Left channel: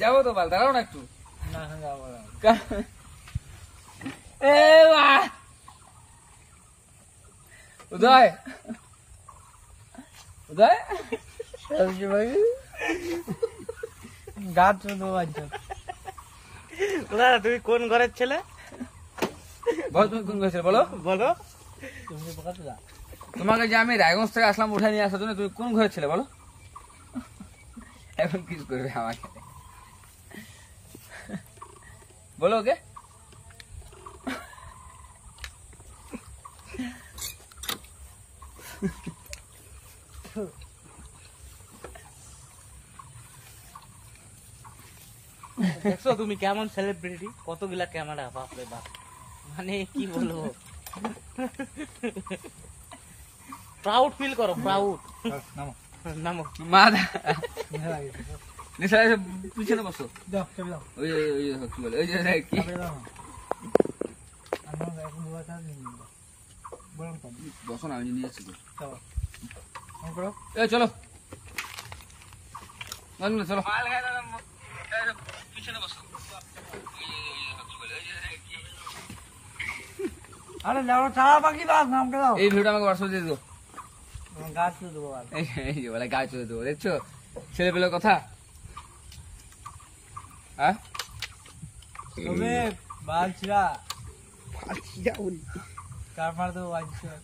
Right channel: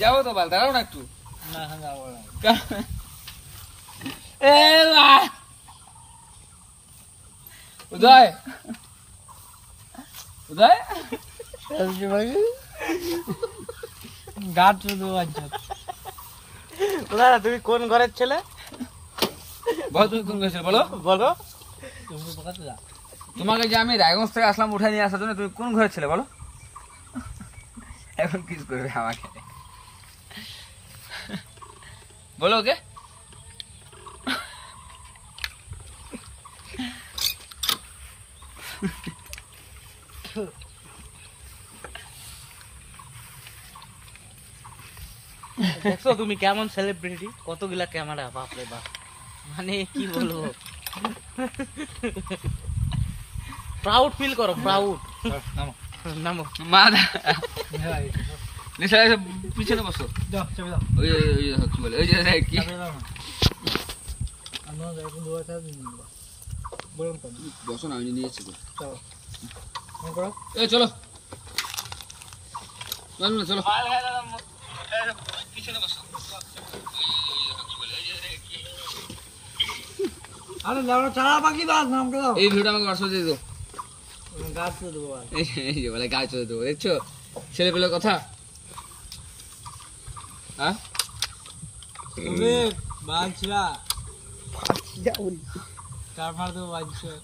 যাবো তো বাল, দাঁড়াও না একটু। না যাবো না। উদয় উদয় গাছ তুমি কোন ঘরের ছেলে? বলো তুমি কোন ঘরের ছেলে বলো। বলো তুমি কোথাতে যা? তোমাকে যে আমি রায়গঞ্জ থেকে আসলাম উঠে নিয়ে আসার জন্য, তুমি কোন ঘরের ছেলে বলো? এখন কিস করবে আমাকে বলো ওকে। দেখছো তুমি কেমন সেলিব্রিটি, কতগুলা ক্যামেরা, বাপরে বাপ, মানে কি বলবো, প্রাউড ফিল করো, প্রাউড। নামো নামো মা নিশা পিছনে বসো। ওই কি বলে ওই যে কি বসো না, আমি নিয়ে যাচ্ছি তো। চলো চলো পিছনে বসো। এই ভিডিওটা আমাকে হোয়াটসঅ্যাপে দিয়ে দাও। গাছ দেবো, এই বলে গাছ চলে দেবো, দেখছো ছেলেপেলের কথা। হ্যাঁ বালছিরা কারবার দেবো বালছিরা।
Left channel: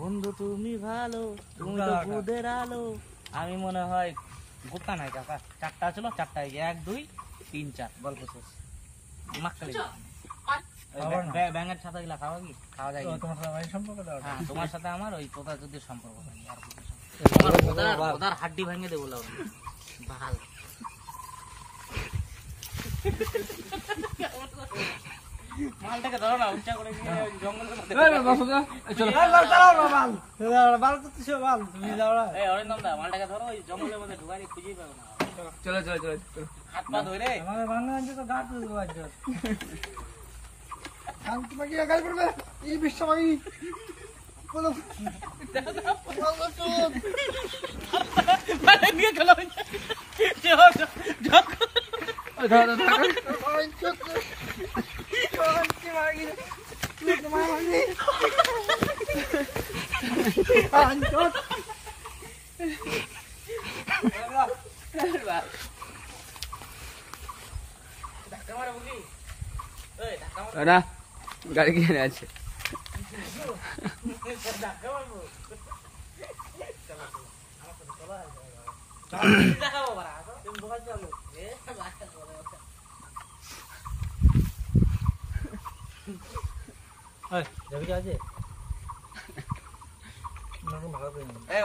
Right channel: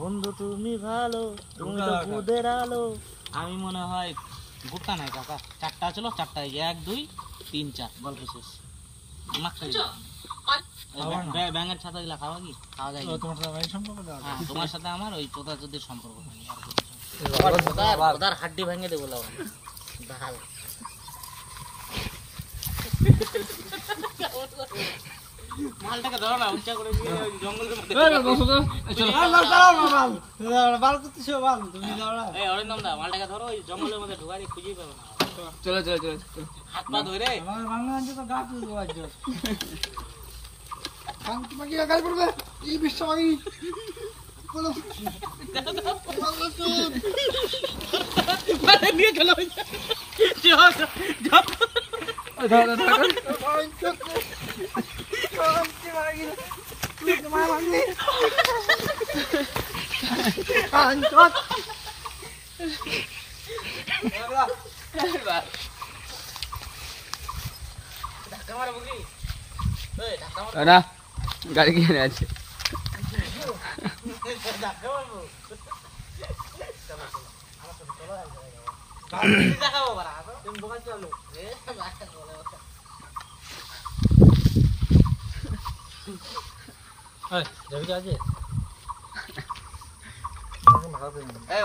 বন্ধু তুমি ভালো, তুমি তো বুদের আলো। আমি মনে হয় গোটা নাই কাকা, চারটা ছিল, চারটা 1 2 3 4 গল্প শেষ। ব্যাঙের ছাতা গুলা খাওয়া কি খাওয়া যায়? তোমার সাথে সম্পর্ক? হ্যাঁ তোমার সাথে আমার ওই তোতা যদি সম্পর্ক আর হাড্ডি ভেঙে দেবো ভাল। মালটাকে ধরো না, উচ্চা করে জঙ্গলের মধ্যে মালটাকে ধরো, ওই জঙ্গলের মধ্যে ঢুকাই খুঁজেই পাবো না। চলো চলো চলো হাত পা ধরে গাছ পড়বে এই বিশ্বমাগি বলো নিয়ে চলো না গাড়ি কিনে আছে।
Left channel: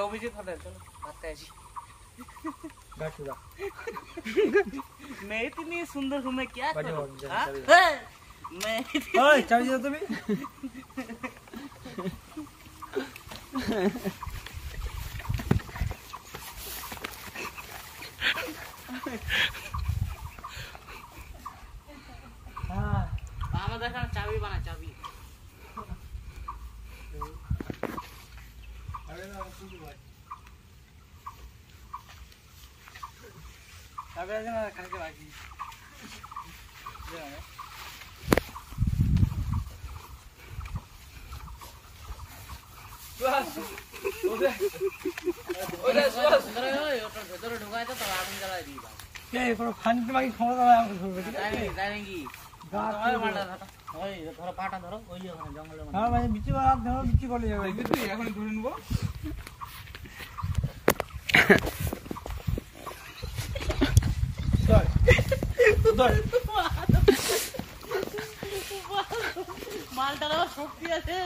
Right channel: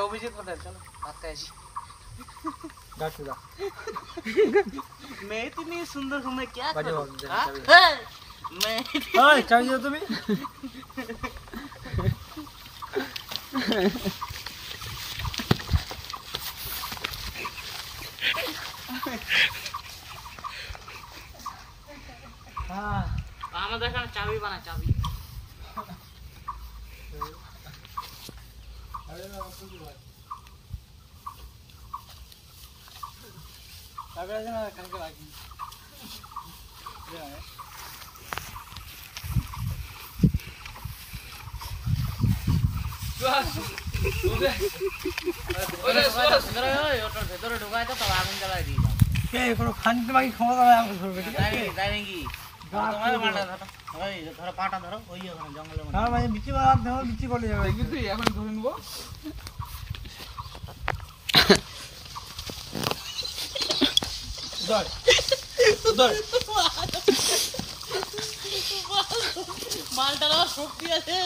অভিজিৎ হোটেল চলো ভাত খাই আসি। मैं इतनी सुंदर हूँ, मैं क्या करूँ? मैं चाहिए तुम्हें আমাদের এখানে চাবি বানা, চাবি কালকে রাখি। ভেতরে ঢুকায় তো তবে আগুন জ্বালায় দিই। কোনো খানিতে বাকি ক্ষমতা ধরবে, ঠিক আছে? তাই নাকি? ধরো পাটা ধরো, ওই ওখানে জঙ্গলের মধ্যে বিচি ধরো, বিচি বলে যাবে। এখন ধরে নেবো। মালটার শক্তি আছে।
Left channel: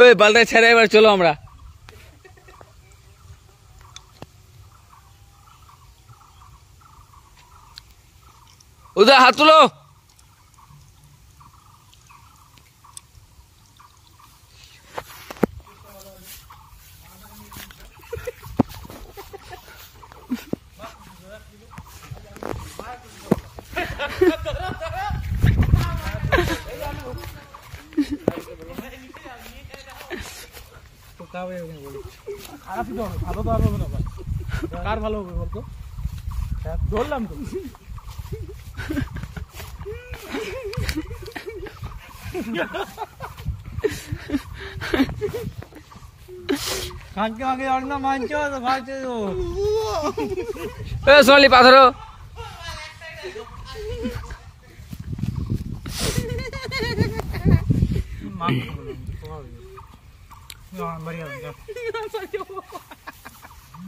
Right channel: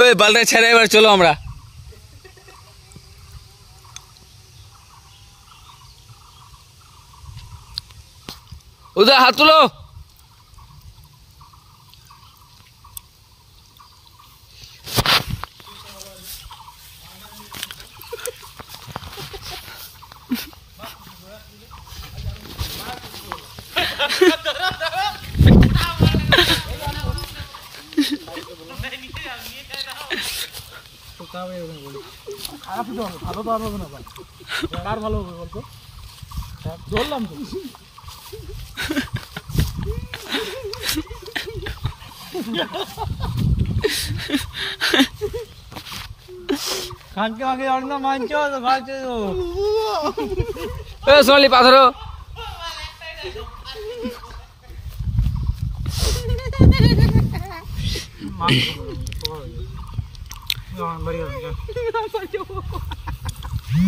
ওই বালটা ছেড়ে এবার চলো আমরা। उधर हाथ तुलो। কার ভালো হবে বলতো? ধরলাম তো খানকে আগে আর না মানছো তো ভাজছো এ সোনালি পাথর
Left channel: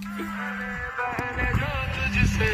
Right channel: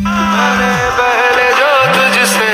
मैंने पहले जो तुझसे